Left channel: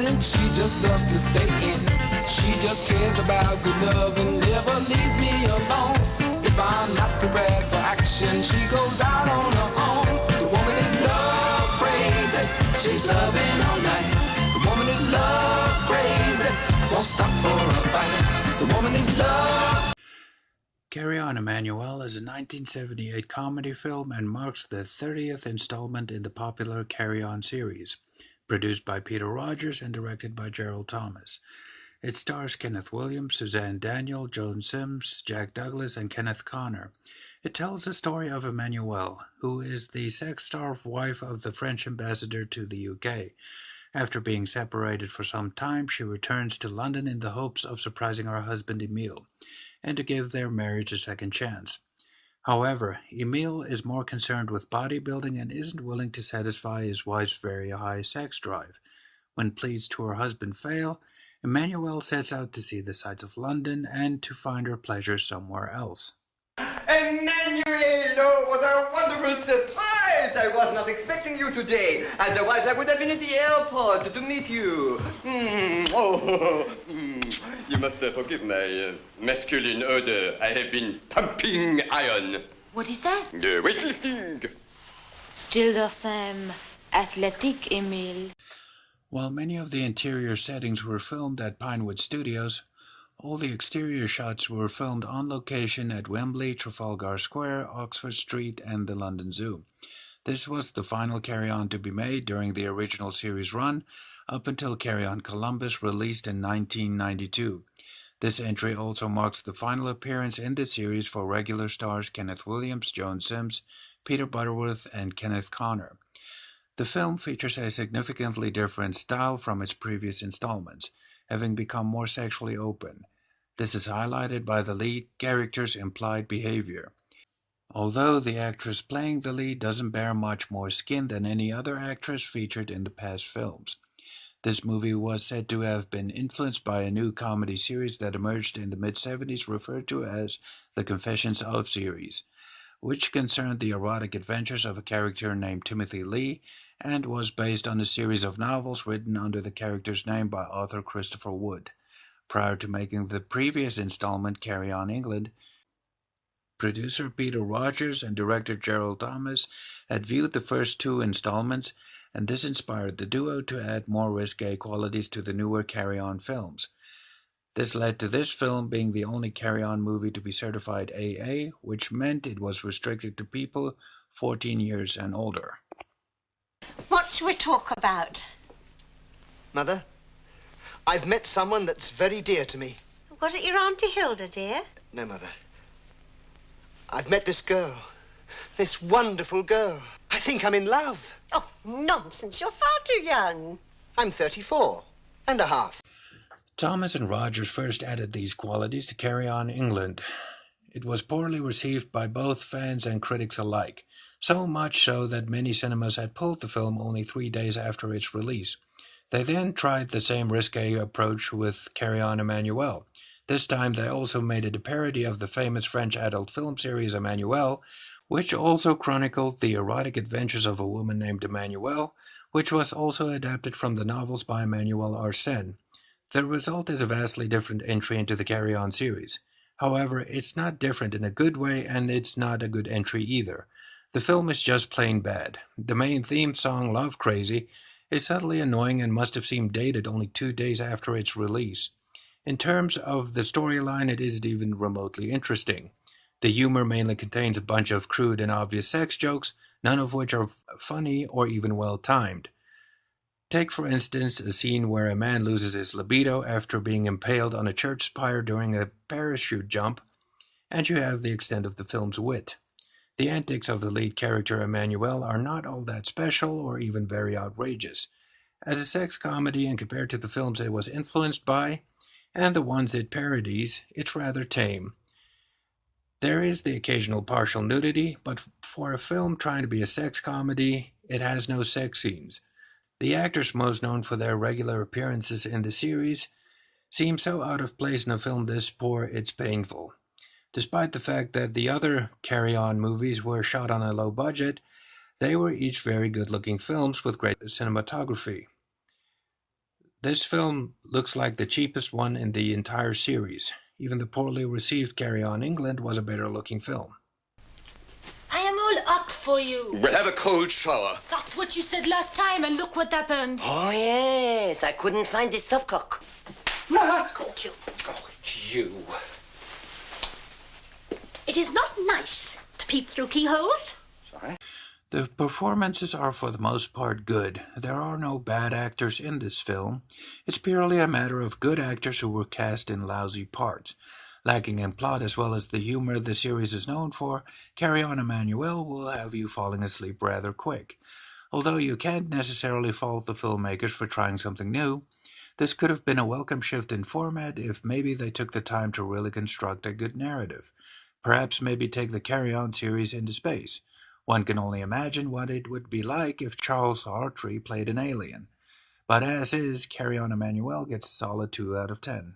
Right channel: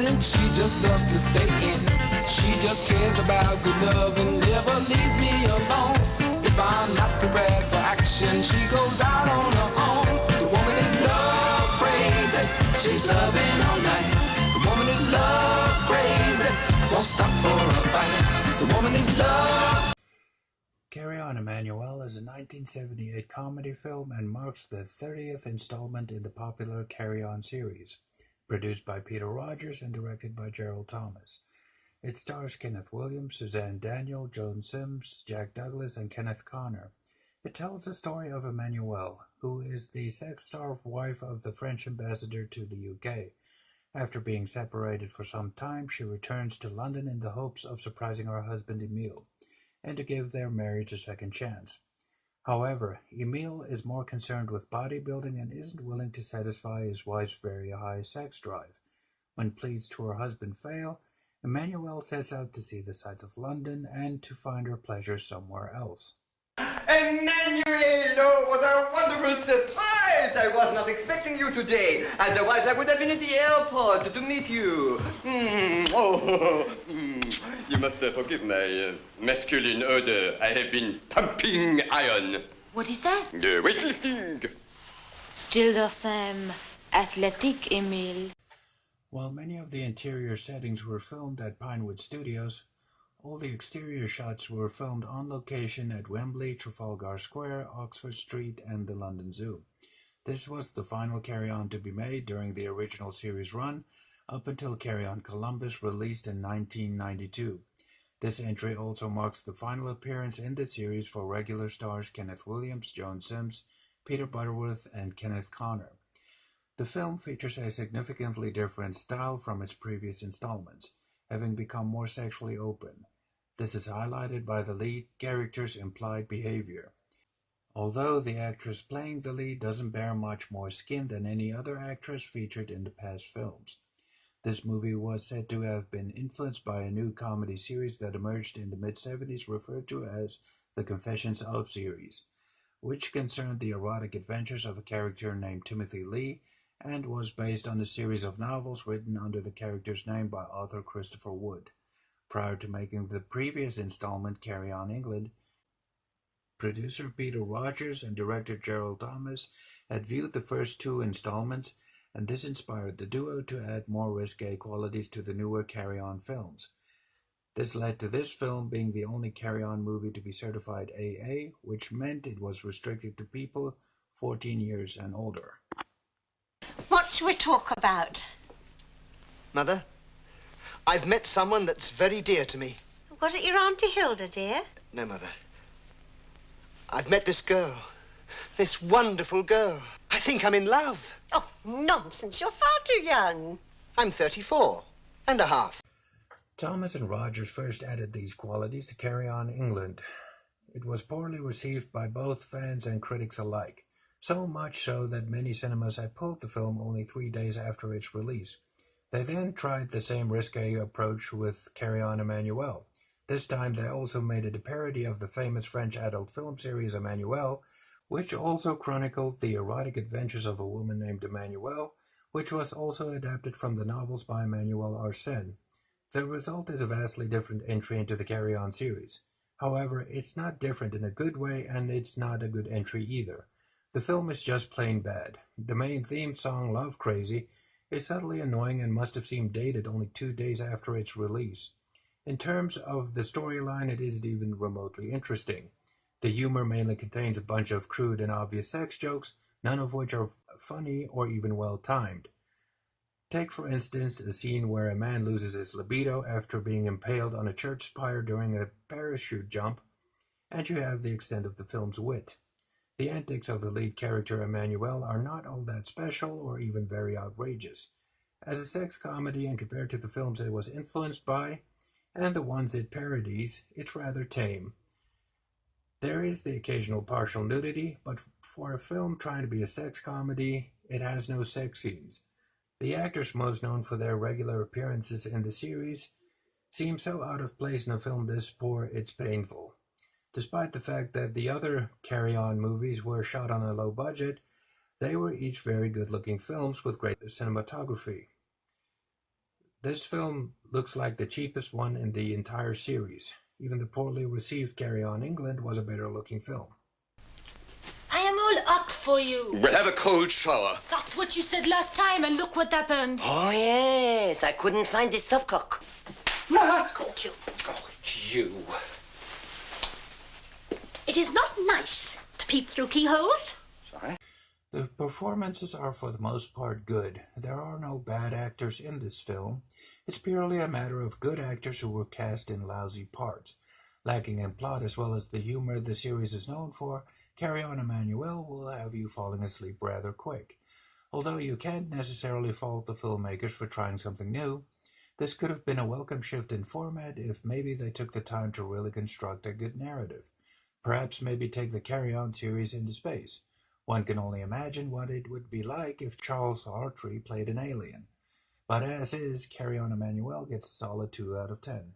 innocent, she just loves to stay in. She just cares about good love and never leaves me alone. If I'm not prepared for action, she goes out on her own. The woman is love crazy, she's loving all night. The woman is love crazy, won't stop for a bite. The woman is love. Carry On, Emmannuelle is a 1978 comedy film and marks the 30th installment in the popular Carry On series, produced by Peter Rogers and directed by Gerald Thomas. It stars Kenneth Williams, Suzanne, Danielle, Joan Sims, Jack Douglas, and Kenneth Connor. It tells the story of Emmannuelle, who is the sex-starved wife of the French ambassador to the UK. After being separated for some time, she returns to London in the hopes of surprising her husband Emile, and to give their marriage a second chance. However, Emile is more concerned with bodybuilding and isn't willing to satisfy his wife's very high sex drive. When pleas to her husband fail, Emmannuelle sets out to see the sights of London and to find her pleasure somewhere else. Emmannuelle, oh, what a wonderful surprise! I was not expecting you today. Otherwise, I would have been at the airport to meet you. You must forgive my masculine odor. I have been pumping iron. What is that? Weightlifting. Still the same athletic, Emile. While many of the interior settings were filmed at Pinewood Studios, all the exterior shots were filmed on location at Wembley, Trafalgar Square, Oxford Street, and the London Zoo. This was the final Carry On to be made during the original series run, up until Carry On Columbus, released in 1992. This entry also marks the final appearance in the series for regular stars Kenneth Williams, Joan Sims, Peter Butterworth, and Kenneth Connor. The film features a significantly different style from its previous installments, having become more sexually open. This is highlighted by the lead character's implied behavior. Although the actress playing the lead doesn't bear much more skin than any other actress featured in the past films. This movie was said to have been influenced by a new comedy series that emerged in the mid-70s referred to as the Confessions of series, which concerned the erotic adventures of a character named Timothy Lee and was based on a series of novels written under the character's name by author Christopher Wood. Prior to making the previous installment, Carry On England, producer Peter Rogers and director Gerald Thomas had viewed the first two installments, and this inspired the duo to add more risque qualities to the newer Carry On films. This led to this film being the only Carry On movie to be certified AA, which meant it was restricted to people 14 years and older. What shall we talk about? Mother, I've met someone that's very dear to me. Was it your Auntie Hilda, dear? No, Mother. I've met this girl. This wonderful girl. I think I'm in love. Oh, nonsense. You're far too young. I'm 34 and a half. Thomas and Rogers first added these qualities to Carry On England. It was poorly received by both fans and critics alike, so much so that many cinemas had pulled the film only 3 days after its release. They then tried the same risque approach with Carry On Emmannuelle. This time they also made it a parody of the famous French adult film series Emmannuelle, which also chronicled the erotic adventures of a woman named Emmannuelle, which was also adapted from the novels by Emmanuel Arsène. The result is a vastly different entry into the Carry On series. However, it's not different in a good way, and it's not a good entry either. The film is just plain bad. The main theme song, Love Crazy, is subtly annoying and must have seemed dated only 2 days after its release. In terms of the storyline, it isn't even remotely interesting. The humor mainly contains a bunch of crude and obvious sex jokes, none of which are funny or even well-timed. Take, for instance, a scene where a man loses his libido after being impaled on a church spire during a parachute jump, and you have the extent of the film's wit. The antics of the lead character Emmannuelle are not all that special or even very outrageous. As a sex comedy, and compared to the films it was influenced by, and the ones it parodies, it's rather tame. There is the occasional partial nudity, but for a film trying to be a sex comedy, it has no sex scenes. The actors most known for their regular appearances in the series seem so out of place in a film this poor it's painful. Despite the fact that the other Carry On movies were shot on a low budget, they were each very good-looking films with great cinematography. This film looks like the cheapest one in the entire series. Even the poorly received Carry On England was a better looking film. I am all hot for you. We'll have a cold shower. That's what you said last time, and look what happened. Oh, yes. I couldn't find the stopcock. Caught you. Oh, you. It is not nice to peep through keyholes. Sorry. The performances are for the most part good. There are no bad actors in this film. It's purely a matter of good actors who were cast in lousy parts. Lacking in plot as well as the humor the series is known for, Carry On Emmannuelle will have you falling asleep rather quick. Although you can't necessarily fault the filmmakers for trying something new, this could have been a welcome shift in format if maybe they took the time to really construct a good narrative. Perhaps maybe take the Carry On series into space. One can only imagine what it would be like if Charles Hawtrey played an alien. But as is, Carry On Emmannuelle gets a solid 2 out of 10.